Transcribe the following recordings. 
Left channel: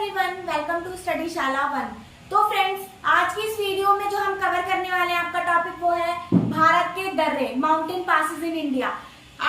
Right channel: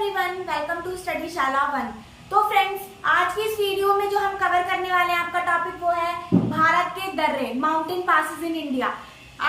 Everyone, welcome to study शाला 1। तो friends, आज की इस वीडियो में जो हम कवर करने वाले हैं, आपका टॉपिक वो है भारत के दर्रे, माउंटेन पासेस इन इंडिया।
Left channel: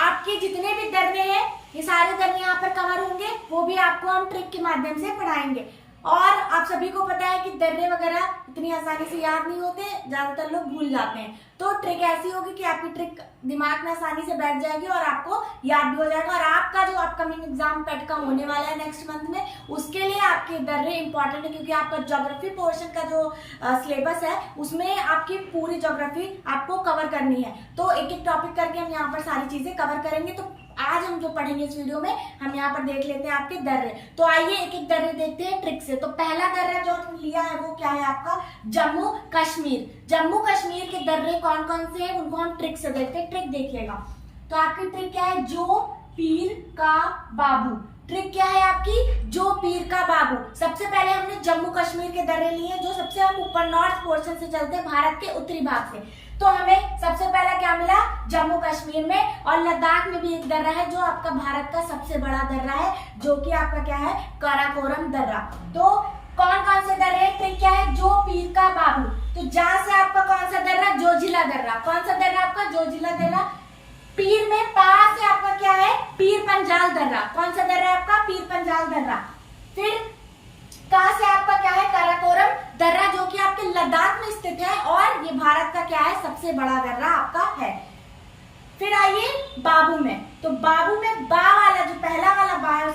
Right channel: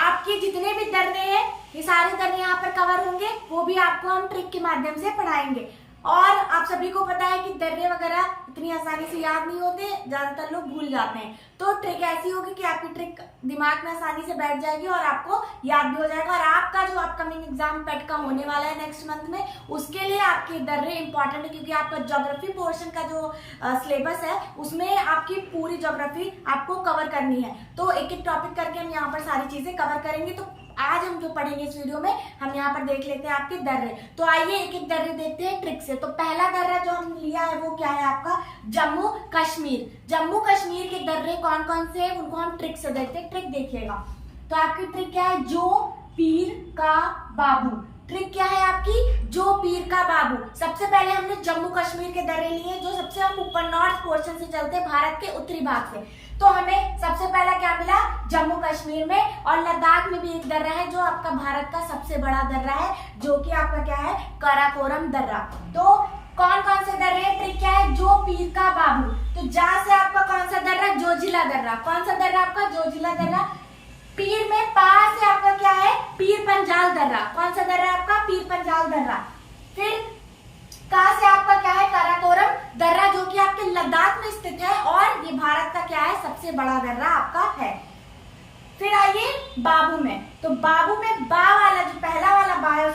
आपके जितने भी दर्रे हैं, ये सारे दर्रे यहाँ पर कवर होंगे, वो भी आपको हम ट्रिक के माध्यम से पढ़ाएंगे। और आप सभी को पता है कि दर्रे वगैरह इतनी आसानी से याद नहीं होते, ज्यादातर लोग भूल जाते हैं। तो ट्रिक ऐसी होगी कि आपकी ट्रिक दिमाग में आसानी से बैठ जाएगी और आपको याद भी हो जाएगा। और आपका जो अपकमिंग एग्जाम पेट का होने वाला है नेक्स्ट मंथ में, उसके लिए आपके दर्रे इंपॉर्टेंट है, क्योंकि आपका ज्योग्राफी पोर्शन का जो सिलेबस है उसमें आपकी पूरी ज्योग्राफी आपको कवर करनी है। तो एक एक टॉपिक करके हम यहाँ पर सारी चीजें कवर करेंगे। तो आज हम जो पढ़ेंगे इस वीडियो में, हम यहाँ पर देख लेते हैं आपके दर्रे। तो आइए एक एक दर्रे देखते हैं ट्रिक से। तो पहला दर्रा जो हम लिया है वो क्या है आपका, जम्मू कश्मीर। जम्मू कश्मीर के दर्रे कौन कौन से हैं उनको हम ट्रिक से देखते हैं। ट्रिक देखिएगा। तो आपकी ट्रिक क्या है, जो पीर का बाबू। ट्रिक क्या है आपकी, जो पीर का बाबू। सबसे पहले हमने जम्मू कश्मीर के दर्रे लिए, जो सबसे हम ऊपर नॉर्थ पोर्शन से चलते हैं, भारत के उत्तरी भाग से। तो हमें सबसे पहला क्या मिला, जम्मू कश्मीर में। और लद्दाख में भी एक दर्रा है जो आपका भारत का सबसे बड़ा दर्रा है, जो कि आपका क्या है, काराकोरम दर्रा। तो कौन कौन से दर्रे हैं, ट्रिक क्या है, जो पीर का बाबू। तो जहां से आपका कौन सा दर्रा, जोजिला दर्रा। कौन सा दर्रा आपका, जोजिला दर्रा। पीर में पास से आपका क्या है, पीर पंजाल दर्रा। कौन सा दर्रा आपका, पीर पंजाल दर्रा। फिर कहां से आपका क्या है, काराकोरम दर्रा, जो कि आपके लद्दाख में स्थित है और ये भारत का क्या है, सबसे बड़ा दर्रा आपका है। फिर आइए बाबू में। तो बाबू में बा वाला जो पहला वाला बा है,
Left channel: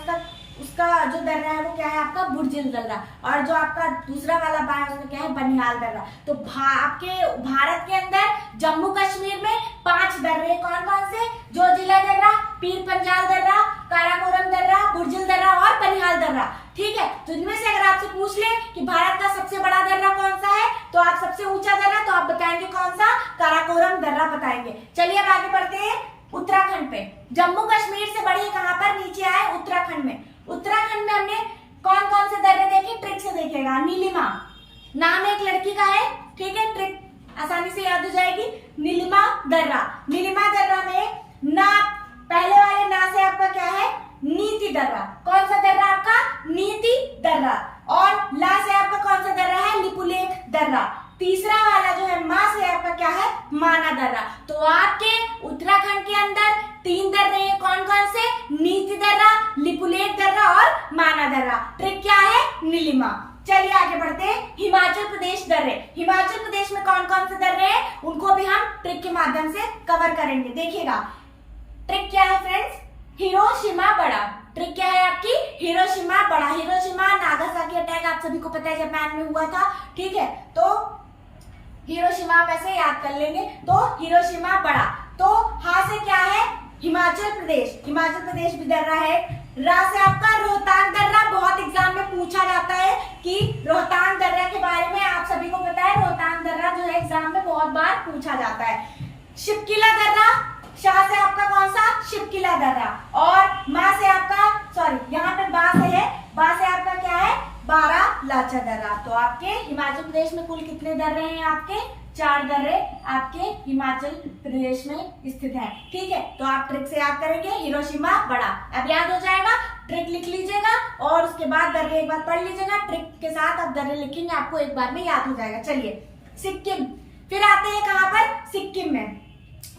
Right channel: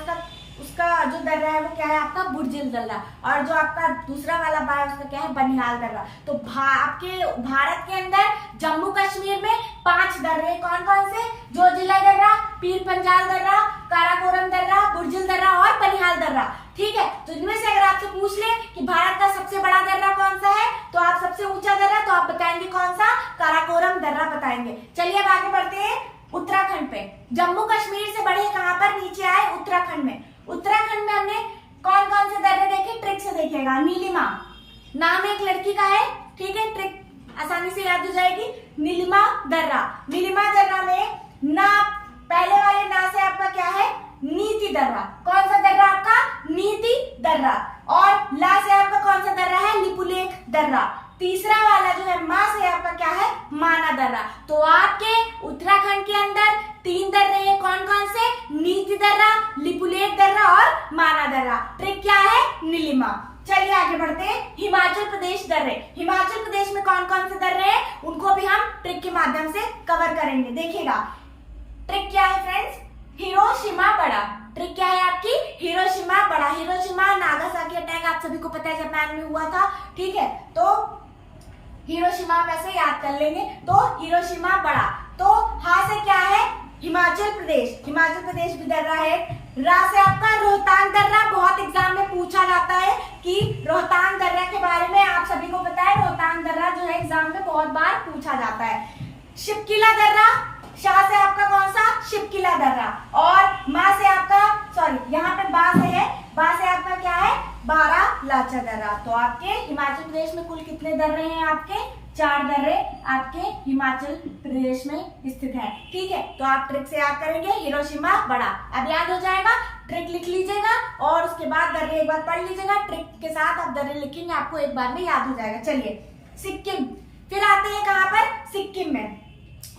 उसका जो दर्रा है वो क्या है आपका, बुर्जिल दर्रा। और जो आपका दूसरा वाला बा है उसका क्या है, बनिहाल दर्रा। तो आपके भारत के अंदर जम्मू कश्मीर में 5 दर्रे, कौन कौन से, जोजिला दर्रा, पीर पंजाल दर्रा, काराकोरम दर्रा, बुर्जिल दर्रा और बनिहाल दर्रा। ठीक है। तो इनमें से अगर आपसे पूछ ले कि भारत का सबसे बड़ा दर्रा कौन सा है, तो आप सबसे ऊंचा दर्रा तो आप बताएंगे कौन सा, काराकोरम दर्रा बताएंगे। चलिए अब आगे बढ़ते हैं उत्तराखंड पे। जम्मू कश्मीर से बढ़े कहां पर, नीचे आए उत्तराखंड में। उत्तराखंड में हमने कौन कौन से दर्रे देखे, ट्रिक से देखेगा। नीलिमा नाम एक लड़की का है, ठीक है, ट्रिक आसानी से याद हो जाएगी। नीलिमा दर्रा। नीलिमा दर्रा में ना, पहले वाले ना से आपका क्या है, नीति दर्रा। कौन सा दर्रा आपका, नीति दर्रा। और ला से आपका कौन सा दर्रा है, लिपुलेख दर्रा। तीसरा वाला जो है मां से आपका क्या है, माना दर्रा। तो आपके उत्तराखंड के अंदर 3 दर्रे हैं, कौन कौन से, नीति दर्रा, लिपुलेख दर्रा और माना दर्रा। ट्रिक क्या है, नीलिमा। चलिए आगे बढ़ते हैं, हिमाचल प्रदेश दर्रे। हिमाचल प्रदेश में कौन कौन से दर्रे हैं उनको भी हम ट्रिक के माध्यम से कवर करेंगे। देखिएगा ट्रिक क्या है फ्रेंड्स, हिरोशिमा बड़ा। ट्रिक क्या है आपकी, हिरोशिमा बड़ा। हिरोशिमा नागासाकी अटैक आप सभी को पता है जापान में हुआ था, ठीक है। तो हिरोशिमा आप ऐसे याद कर लेंगे। तो हिरोशिमा बड़ा। तो हा से क्या है, हिमाचल प्रदेश। हिमाचल प्रदेश भी दर्रा है। रा से आपका रोहतांग दर्रा। बहुत एग्जाम में पूछा जाता है कि रोहतांग दर्रा के बारे में आप सभी को पता है, रोहतांग दर्रा जो है एग्जाम में बहुत बार पूछा जाता है। शिवकिला दर्रा। शाह से आपका कौन सा, शिवकिला दर्रा। और माँ से आपका, सॉरी यहाँ पे बा से है, बा से आपका क्या है, बारालाचा दर्रा। तो आपके हिमाचल प्रदेश में कुल कितने दर्रे हैं, आपके 4 दर्रे आपके हिमाचल प्रदेश में स्थित हैं, ठीक है। तो आप ट्रिक से याद करेंगे, हिरोशिमा बड़ा। अब याद हो जाएगा, ट्रिक लिख लीजिएगा और उसके बाद दर्रे एक बार पढ़ लीजिएगा। ट्रिक के साथ आप दर्रे लिखेंगे, आपको एक बार में याद हो जाएगा। चलिए सिक्किम। फिर आते हैं कहाँ पर, सिक्किम में।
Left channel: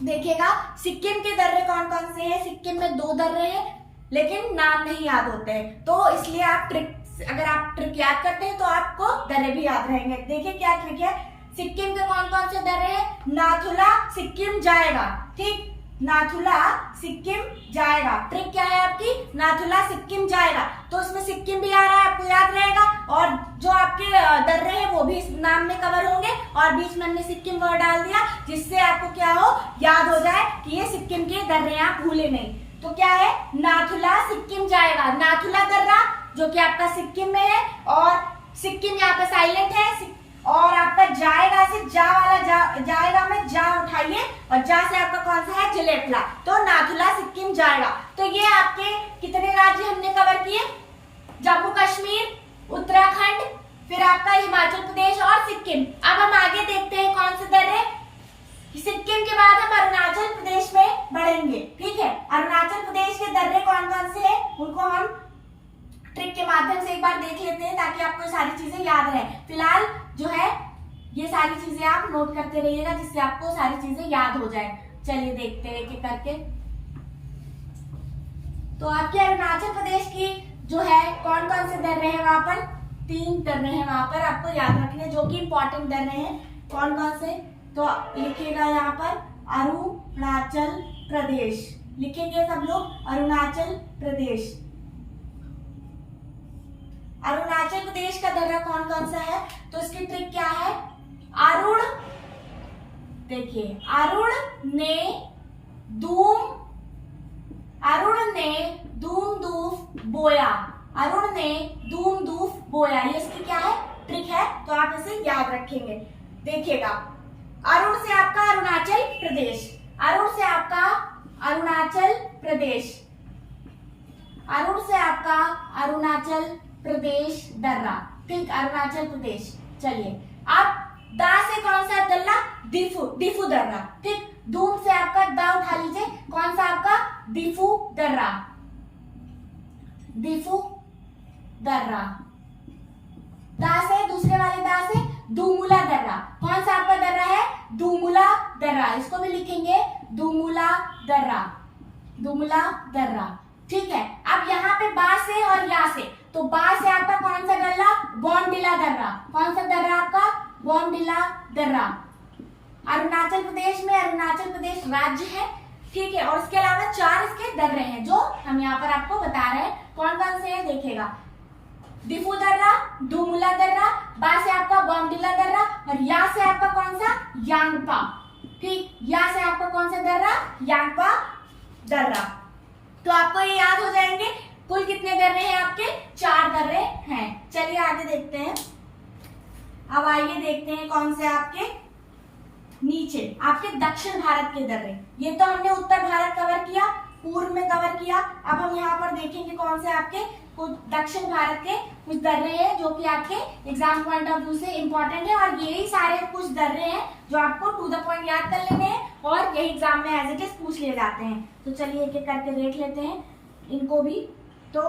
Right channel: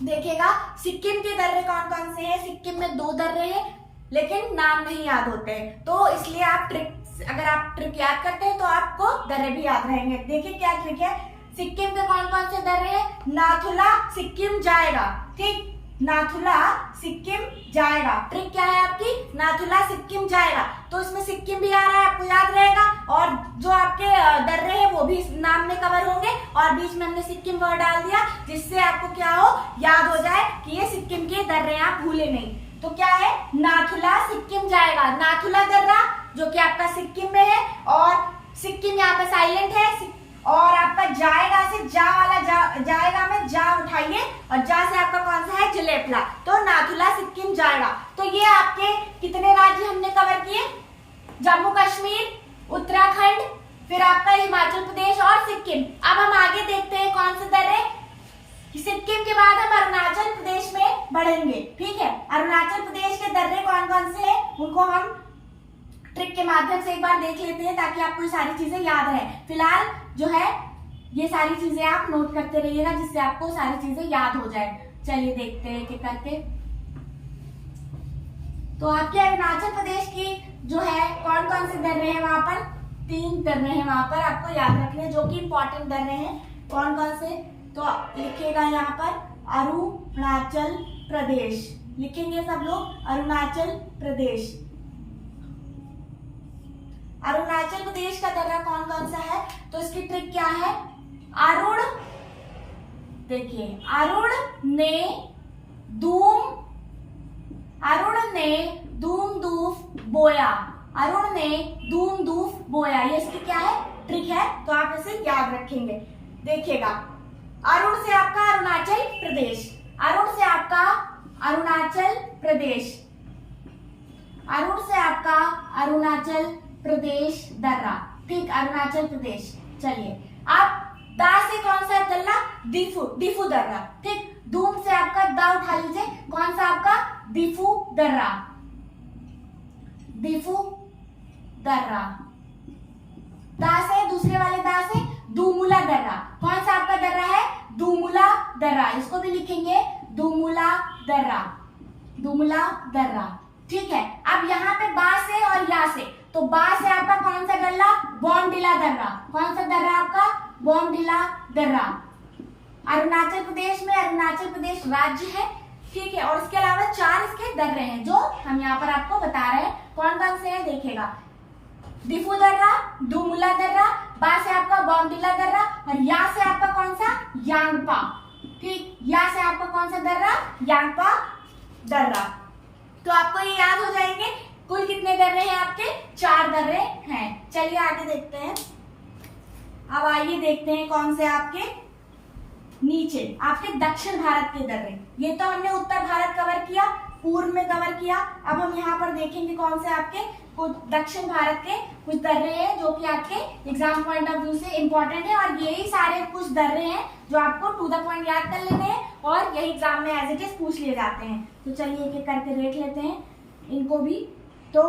देखिएगा सिक्किम के दर्रे कौन कौन से हैं। सिक्किम में 2 दर्रे हैं, लेकिन नाम नहीं याद होते हैं। तो इसलिए आप ट्रिक, अगर आप ट्रिक याद करते हैं तो आपको दर्रे भी याद रहेंगे। देखिए क्या ट्रिक है, सिक्किम के कौन कौन से दर्रे हैं, नाथुला सिक्किम जाएगा, ठीक, नाथुला सिक्किम जाएगा। ट्रिक क्या है आपकी, नाथुला सिक्किम जाएगा। तो इसमें सिक्किम भी आ रहा है, आपको याद रहेगा। और जो आपके दर्रे हैं वो भी नाम में कवर होंगे, और बीच में हमने सिक्किम वर्ड डाल दिया, जिससे आपको क्या हो, याद हो जाए कि ये सिक्किम के दर्रे हैं, आप भूले नहीं। तो क्या है, नाथुला सिक्किम जाएगा। नाथुला दर्रा जो कि आपका सिक्किम में है, और सिक्किम यहाँ पे साइलेंट है। और आपका जाएगा से जा वाला जाएगा में जा उठाइए, और जा से आपका कौन सा है, जलेपला। तो नाथुला सिक्किम जाएगा। तो ये आपके कितने राज्य हमने कवर किए, जम्मू कश्मीर, उत्तराखंड, फिर आपका हिमाचल प्रदेश और सिक्किम। अब हम आगे देखते हैं कौन से दर्रे। सिक्किम के बाद हम अरुणाचल प्रदेश में बढ़ेंगे, ठीक है। अरुणाचल प्रदेश के दर्रे कौन कौन से हैं उनको हम ट्रिक के माध्यम से एक बार देख लेते हैं ताकि आपको ये सारी चीजें याद रहे। फिलहाल जो है ये सारी चीजें आप नोट करते रहिएगा जिससे आपको सारी चीजें याद हो जाए। चलिए देखते हैं एक करके। तो आपके अरुणाचल प्रदेश की जो है कौन कौन से दर्रे हैं वहां पर, 3 दर्रे हैं वहां पर, आपको याद रखने जो कि इंपॉर्टेंट दर्रे हैं। कौन कौन से, तो लिखिएगा यहाँ पर अरुणाचल प्रदेश, लिखेंगे सब लोग अरुणाचल प्रदेश। अरुणाचल प्रदेश का दर्रा कौन कौन सा है, तो इसकी ट्रिक क्या है, अरुण, देखिए अरुण ने दूम दूफ बोया, अरुण ने दूम दूफ बोया, ये इसकी क्या है, ट्रिक है। तो आप इसे याद रखेंगे। देखिएगा, अरुण से आपका अरुणाचल प्रदेश, अरुण से आपका अरुणाचल प्रदेश, अरुण से आपका अरुणाचल प्रदेश दर्रा, ठीक, अरुणाचल प्रदेश। चलिए अब दा से कौन सा दर्रा, दीफू, दीफू दर्रा, ठीक। दूम से आपका दा उठा लीजिए, कौन सा आपका, दीफू दर्रा, दीफू दर्रा। दा से, दूसरे वाले दा से दूमुला दर्रा, कौन सा आपका दर्रा है, दूमुला दर्रा, इसको भी लिखेंगे दूमुला दर्रा, दूमुला दर्रा, ठीक है। अब यहाँ पे बा से और या से, तो बा से आपका कौन सा दर्रा, बॉमडिला दर्रा, कौन सा दर्रा आपका, बॉमडिला दर्रा। अरुणाचल प्रदेश में अरुणाचल प्रदेश राज्य है, ठीक है। और उसके अलावा 4 इसके दर्रे हैं जो हम यहाँ पर आपको बता रहे हैं। कौन कौन से है देखिएगा, दिफू दर्रा, दूमुला दर्रा, बा से आपका बॉमडिला दर्रा, और या से आपका कौन सा, यांगपा, ठीक, या से आपका कौन सा दर्रा, यांगपा दर्रा। तो आपको ये याद हो जाएंगे। कुल कितने दर्रे हैं आपके, 4 दर्रे हैं। चलिए आगे देखते हैं। अब आइए देखते हैं कौन से आपके नीचे, आपके दक्षिण भारत के दर्रे। ये तो हमने उत्तर भारत कवर किया, पूर्व में कवर किया। अब हम यहाँ पर देखेंगे कौन से आपके कुछ दक्षिण भारत के कुछ दर्रे हैं जो कि आपके एग्जाम पॉइंट ऑफ व्यू से इंपॉर्टेंट है। और यही सारे कुछ दर्रे हैं जो आपको टू द पॉइंट याद कर लेने हैं और यही एग्जाम में एज इट इज पूछ लिए जाते हैं। तो चलिए एक एक करके देख लेते हैं इनको भी। तो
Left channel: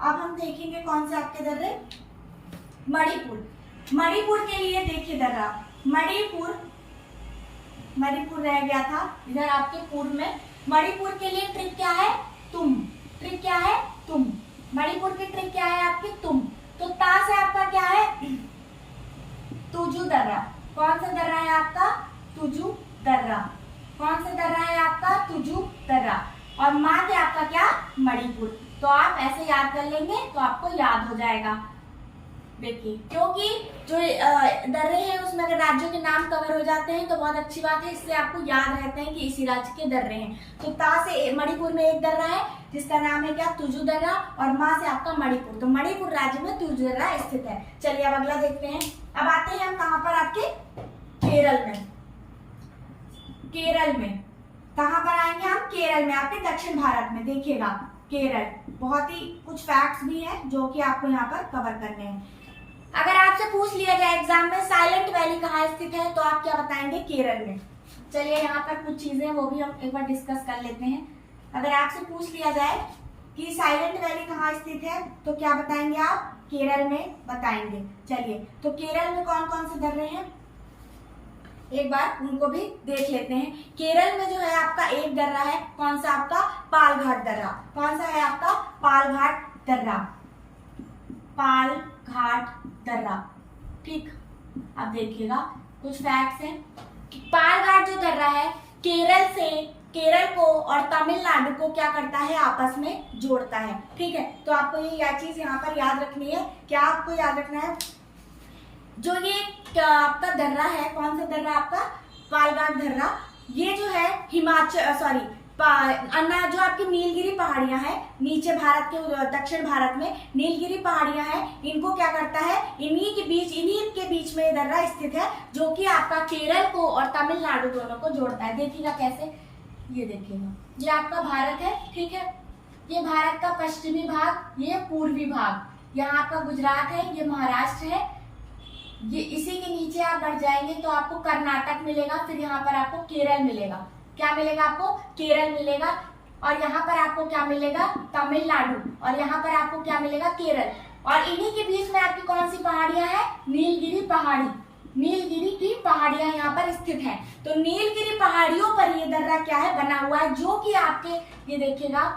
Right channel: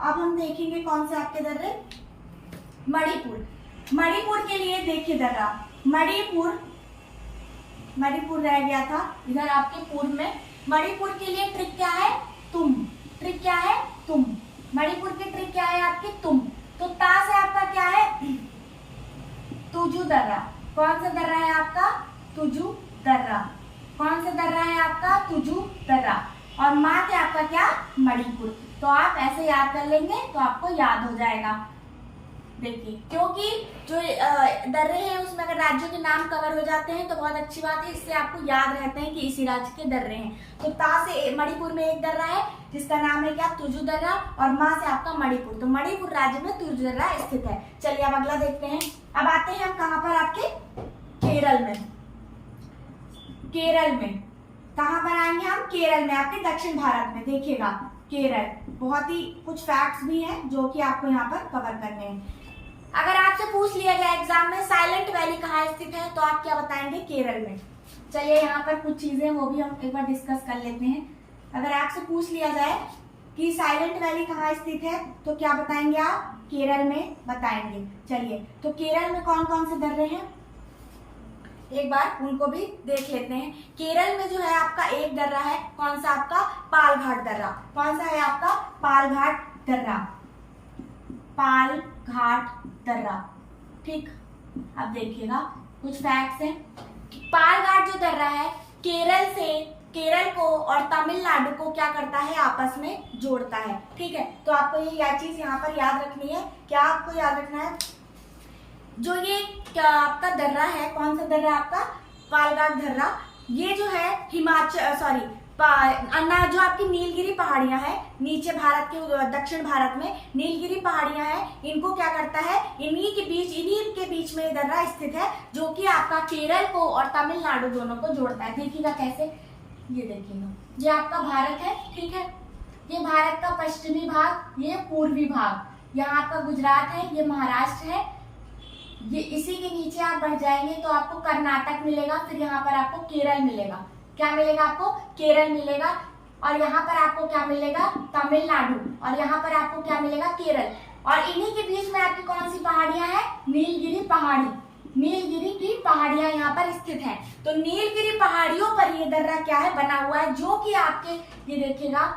अब हम देखेंगे कौन से आपके दर्रे, मणिपुर। मणिपुर के लिए देखिए दर्रा, मणिपुर रह गया था इधर आपके पूर्व में। मणिपुर के लिए ट्रिक क्या है, तुम, ट्रिक क्या है, तुम। मणिपुर की ट्रिक क्या है आपकी, तुम। तो ता से आपका क्या है, तुजू दर्रा, कौन सा दर्रा है आपका, तुजू दर्रा, कौन सा दर्रा है आपका, तुजू दर्रा। और माँ के आपका क्या, मणिपुर। तो आप ऐसे याद कर लेंगे तो आपको याद हो जाएगा। देखिए, क्योंकि जो दर्रे हैं उसमें अगर राज्यों के नाम कवर हो जाते हैं तो बहुत अच्छी बात है, इससे आपको याद रहते हैं कि इसी राज्य के दर्रे हैं। तो ता से मणिपुर में एक दर्रा है जिसका नाम है क्या, तुजू दर्रा, और माँ से आपका मणिपुर। तो मणिपुर राज्य में तुजू दर्रा स्थित है। चलिए अब अगला देखते हैं। अब आते हैं हम कहाँ पर, आपके केरल में। केरल में कहाँ पर आएंगे हम, केरल में, आपके दक्षिण भारत में। देखिएगा केरल, बहुत ही कुछ फैक्ट्स भी हैं जो कि आपको यहाँ पर कवर करने हैं। अगर आपसे पूछ लिया जाए एग्जाम में साइलेंट वैली कहाँ स्थित है, तो आप क्या बताएंगे, केरल में। चलिए यहाँ पर कुछ चीजें वो भी हम एक बार डिस्कस कर लेते हैं। अगर आपसे पूछ लिया जाए कि साइलेंट वैली कहाँ स्थित है तो क्या बताएंगे आप, केरल में बताएंगे। चलिए, तो केरल में कौन कौन से दर्रे हैं एक बार उनको भी देख लेते हैं। केरल में जो है आपका एक दर्रा है, कौन सा आपका, पालघाट दर्रा। कौन सा है आपका, पालघाट दर्रा, पालघाट दर्रा, ठीक। अब देखिएगा कुछ फैक्ट्स हैं कि पालघाट जो दर्रा है केरल को और तमिलनाडु को क्या करता है, आपस में जोड़ता है, ठीक है। तो आपको ये चीज यहाँ पर याद रखनी है। क्या आपको याद रखना है, जो ये आपका दर्रा है, कौन सा दर्रा आपका, पालघाट दर्रा, ये जो है हिमाचल जो आपकी नीलगिरी पहाड़ियां हैं नीचे भारत के दक्षिण भारत में नीलगिरी पहाड़ियां हैं, इनको क्या करता है, इन्हीं के बीच में दर्रा स्थित है जो कि आपका केरल को और तमिलनाडु दोनों को जोड़ता है। देखिएगा कैसे, ये देखिएगा, ये आपका भारत है, ठीक है। ये भारत का पश्चिमी भाग, ये पूर्वी भाग, यहाँ आपका गुजरात है, ये महाराष्ट्र है। ये इसी के नीचे आप बढ़ जाएंगे तो आपको कर्नाटक मिलेगा, फिर यहाँ पर आपको केरल मिलेगा। क्या मिलेगा आपको, केरल मिलेगा। और यहाँ पर आपको क्या मिलेगा, तमिलनाडु, और यहाँ पर आपको क्या मिलेगा, केरल। और इन्हीं के बीच में आपकी कौन सी पहाड़ियां हैं, नीलगिरी पहाड़ी, नीलगिरी की पहाड़ियां यहाँ पर स्थित हैं। तो नीलगिरी पहाड़ियों पर ये दर्रा क्या है, बना हुआ है, जो कि आपके ये देखिएगा,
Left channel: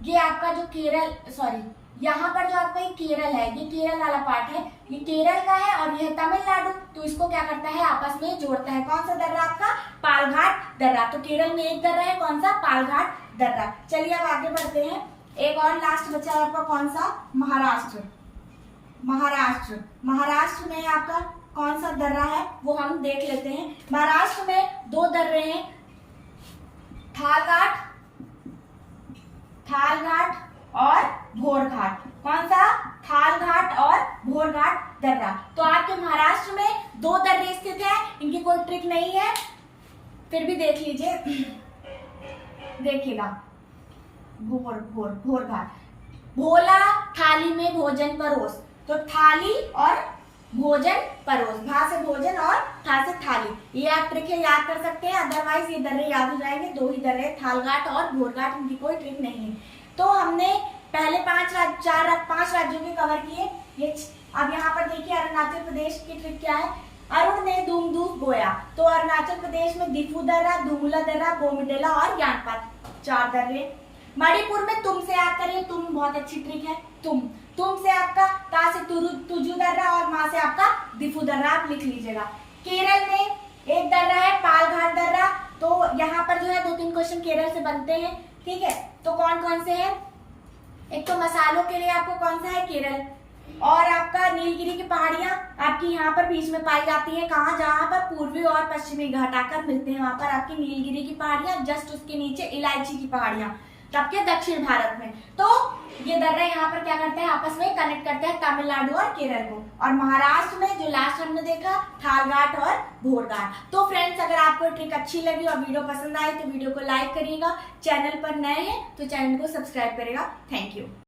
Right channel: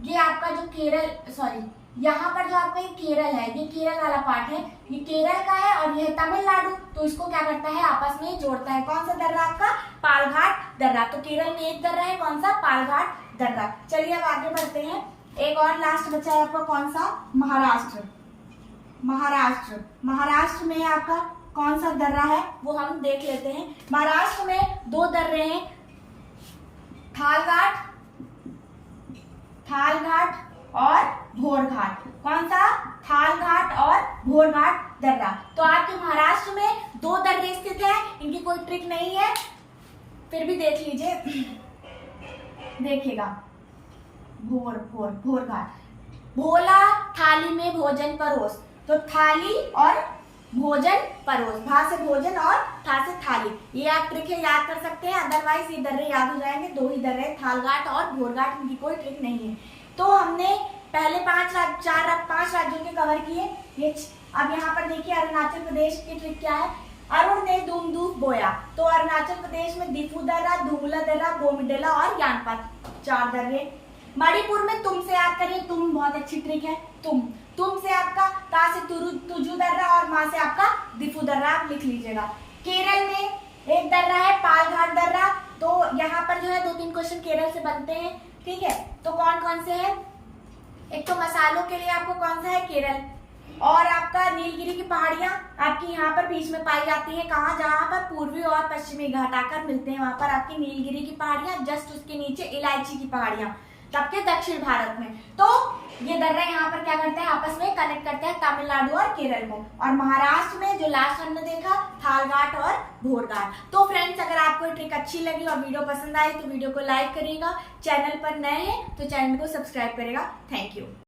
ये आपका जो केरल, सॉरी यहाँ पर जो आपका ये केरल है, ये केरल वाला पार्ट है, ये केरल का है और ये तमिलनाडु, तो इसको क्या करता है, आपस में जोड़ता है। कौन सा दर्रा आपका, पालघाट दर्रा। तो केरल में एक दर्रा है, कौन सा, पालघाट दर्रा। चलिए अब आगे बढ़ते हैं। एक और लास्ट बचा है आपका, कौन सा, महाराष्ट्र। महाराष्ट्र, महाराष्ट्र में आपका कौन सा दर्रा है वो हम देख लेते हैं। महाराष्ट्र में दो दर्रे हैं, थालघाट, थालघाट और भोरघाट। कौन सा, थालघाट और भोरघाट दर्रा। तो आपके महाराष्ट्र में दो दर्रे स्थित हैं, इनकी कोई ट्रिक नहीं है, फिर भी देख लीजिए, देखिएगा, भोरघाट। भोला थाली में भोजन परोस, तो थाली और भोजन परोस, भा से भोजन और था से थाली, ये आप ट्रिक है, याद कर सकते हैं, अदरवाइज ये दर्रे याद हो जाएंगे। दो ही दर्रे, थालघाट और भोरघाट, इनकी कोई ट्रिक नहीं है। तो हमने पहले पांच राज्यों के कवर किए। ये अब यहाँ पर देखिए अरुणाचल प्रदेश की ट्रिक क्या है, अरुण ने धूमधूप बोया। तो अरुणाचल प्रदेश में दिफू दर्रा, धूमला दर्रा, बोमिडेला और ज्ञानपात, 4 दर्रे। मणिपुर में तुम से याद करिए, तुम बहुत अच्छी ट्रिक है, तुम से आपका ता से तुजू दर्रा और माँ से आपका दिफू दर्रा, आप लिख लीजिएगा। केरल में एक दर्रा है, पालघाट दर्रा। तो यहाँ पर जो है 2-3 क्वेश्चन केरल से बनते हैं, ठीक है। तो कौन कौन से हैं, एक तो मसालों के लिए आपको कौन सा है, केरल, और आपका नीलगिरी की पहाड़ियां आपकी यहाँ पर बीच में पाई जाती हैं, कहाँ, जहाँ पर पूर्वी और पश्चिमी घाट आकर मिलते हैं, वहां पर आपकी नीलगिरी की पहाड़ियां, जस्ट उसके नीचे इलायची की पहाड़ियां, तब के दक्षिण भारत में। तो ये दर्रा यहाँ पर क्या करते हैं, आपस में कनेक्ट करते हैं तमिलनाडु और केरल को। और महाराष्ट्र में जो लास्ट हमने देखा, थालघाट और भोरघाट। तो फ्रेंड्स, अगर आपको ये ट्रिक अच्छी लगी और वीडियो पसंद आई तो वीडियो को लाइक करिएगा, चैनल पर नए हैं तो चैनल को सब्सक्राइब करेगा। Thank you.